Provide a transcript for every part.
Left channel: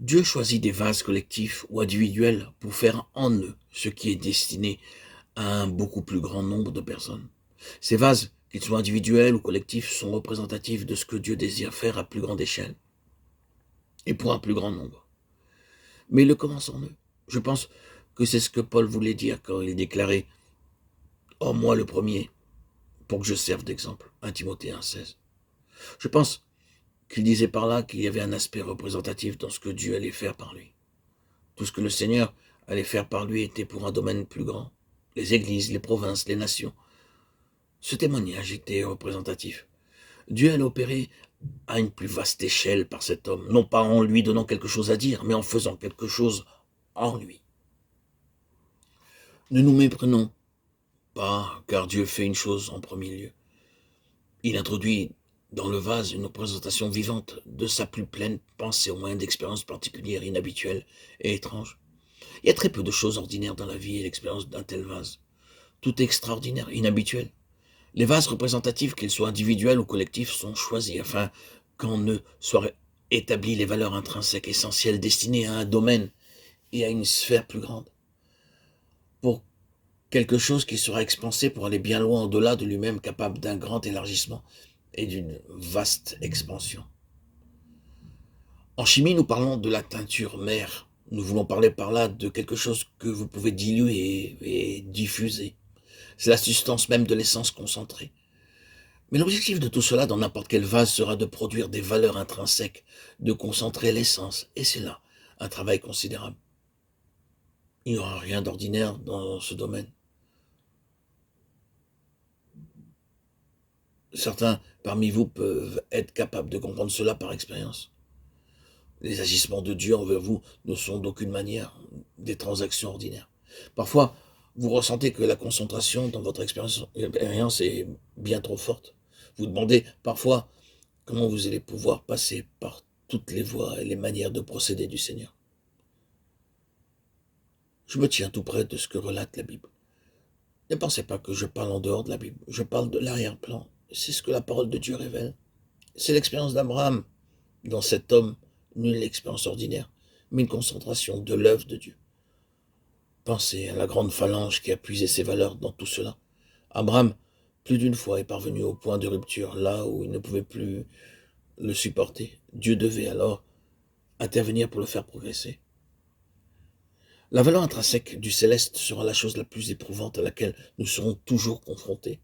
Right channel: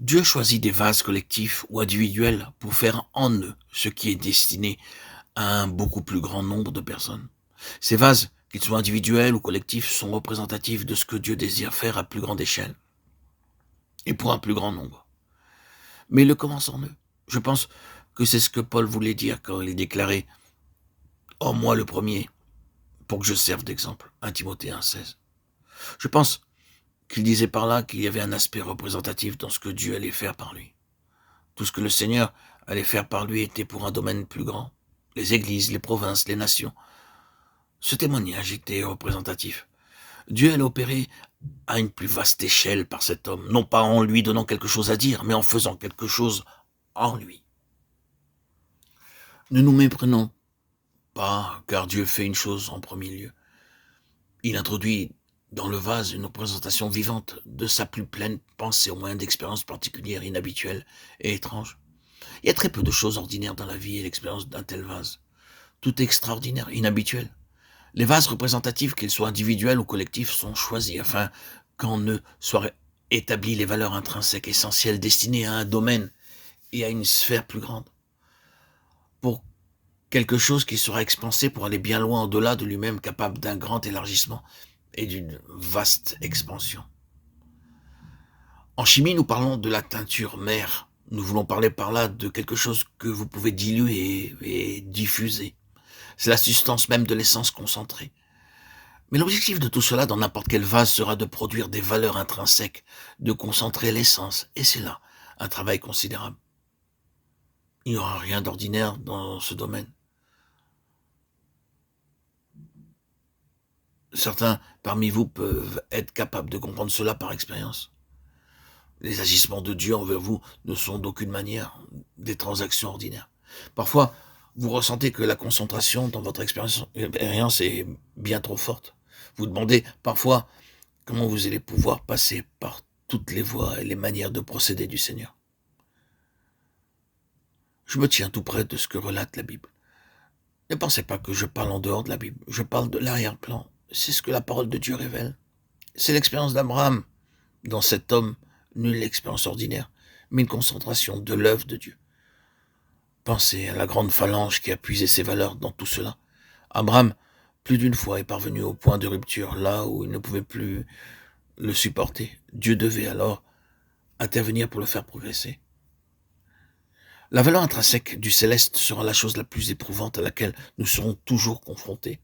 Dieu choisit des vases collectifs ou individuels pour faire en eux ce qui est destiné à un beaucoup plus grand nombre de personnes. Ces vases, qu'ils soient individuels ou collectifs, sont représentatifs de ce que Dieu désire faire à plus grande échelle et pour un plus grand nombre. Mais il le commence en eux. Je pense que c'est ce que Paul voulait dire quand il déclarait « Oh, moi le premier, pour que je serve d'exemple » 1 Timothée 1,16. Je pense qu'il disait par là qu'il y avait un aspect représentatif dans ce que Dieu allait faire par lui. Tout ce que le Seigneur allait faire par lui était pour un domaine plus grand. Les églises, les provinces, les nations. Ce témoignage était représentatif. Dieu allait opérer à une plus vaste échelle par cet homme, non pas en lui donnant quelque chose à dire, mais en faisant quelque chose en lui. Ne nous méprenons pas, car Dieu fait une chose en premier lieu. Il introduit dans le vase une représentation vivante de sa plus pleine pensée au moyen d'expériences particulières, inhabituelles et étranges. Il y a très peu de choses ordinaires dans la vie et l'expérience d'un tel vase. Tout est extraordinaire, inhabituel. Les vases représentatifs, qu'ils soient individuels ou collectifs, sont choisis afin qu'en eux soient établies les valeurs intrinsèques essentielles destinées à un domaine et à une sphère plus grande. Pour quelque chose qui sera expansé pour aller bien loin au-delà de lui-même, capable d'un grand élargissement et d'une vaste expansion. En chimie, nous parlons de la teinture mère. Nous voulons parler par là de quelque chose que vous pouvez diluer et diffuser. C'est la substance même de l'essence concentrée. Mais l'objectif de tout cela dans n'importe quel vase sera de produire des valeurs intrinsèques, de concentrer l'essence. Et c'est là un travail considérable. Il n'y aura rien d'ordinaire dans ce domaine. Certains parmi vous peuvent être capables de comprendre cela par expérience. Les agissements de Dieu envers vous ne sont d'aucune manière des transactions ordinaires. Parfois, vous ressentez que la concentration dans votre expérience est bien trop forte. Vous demandez parfois comment vous allez pouvoir passer par toutes les voies et les manières de procéder du Seigneur. Je me tiens tout près de ce que relate la Bible. Ne pensez pas que je parle en dehors de la Bible. Je parle de l'arrière-plan. C'est ce que la parole de Dieu révèle. C'est l'expérience d'Abraham. Dans cet homme, nulle expérience ordinaire, mais une concentration de l'œuvre de Dieu. Pensez à la grande phalange qui a puisé ses valeurs dans tout cela. Abraham, plus d'une fois, est parvenu au point de rupture, là où il ne pouvait plus le supporter. Dieu devait alors intervenir pour le faire progresser. La valeur intrinsèque du céleste sera la chose la plus éprouvante à laquelle nous serons toujours confrontés.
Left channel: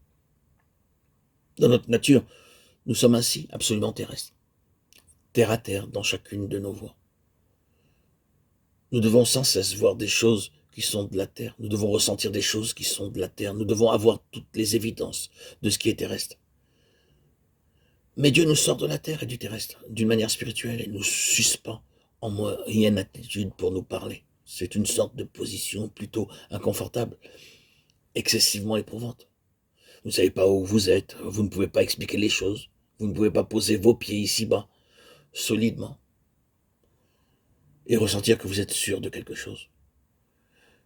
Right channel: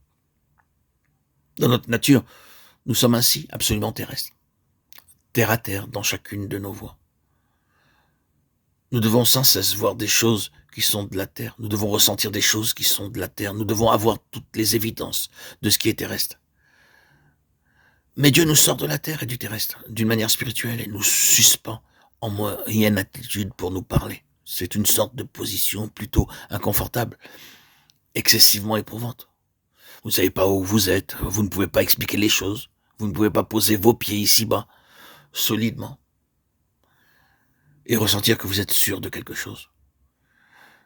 Dans notre nature, nous sommes ainsi absolument terrestres, terre à terre dans chacune de nos voies. Nous devons sans cesse voir des choses qui sont de la terre. Nous devons ressentir des choses qui sont de la terre. Nous devons avoir toutes les évidences de ce qui est terrestre. Mais Dieu nous sort de la terre et du terrestre d'une manière spirituelle et nous suspend en moyenne attitude pour nous parler. C'est une sorte de position plutôt inconfortable, excessivement éprouvante. Vous ne savez pas où vous êtes, vous ne pouvez pas expliquer les choses, vous ne pouvez pas poser vos pieds ici-bas, solidement, et ressentir que vous êtes sûr de quelque chose.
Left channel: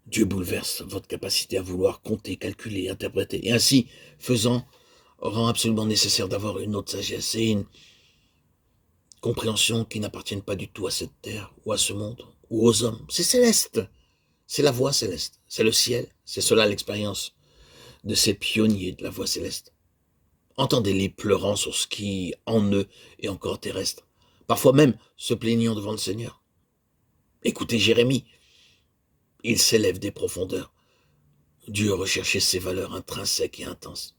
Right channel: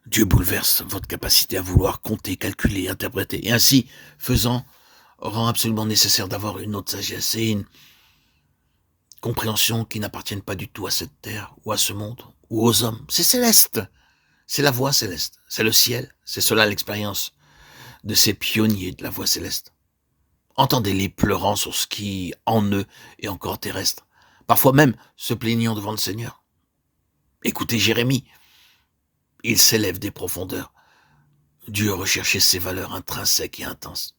Dieu bouleverse votre capacité à vouloir compter, calculer, interpréter, et ainsi, faisant, rend absolument nécessaire d'avoir une autre sagesse et une compréhension qui n'appartiennent pas du tout à cette terre, ou à ce monde, ou aux hommes. C'est céleste, c'est la voie céleste, c'est le ciel, c'est cela l'expérience de ces pionniers de la voie céleste. Entendez-les pleurant sur ce qui, en eux, est encore terrestre, parfois même se plaignant devant le Seigneur. Écoutez Jérémie, il s'élève des profondeurs. Dieu recherchait ses valeurs intrinsèques et intenses.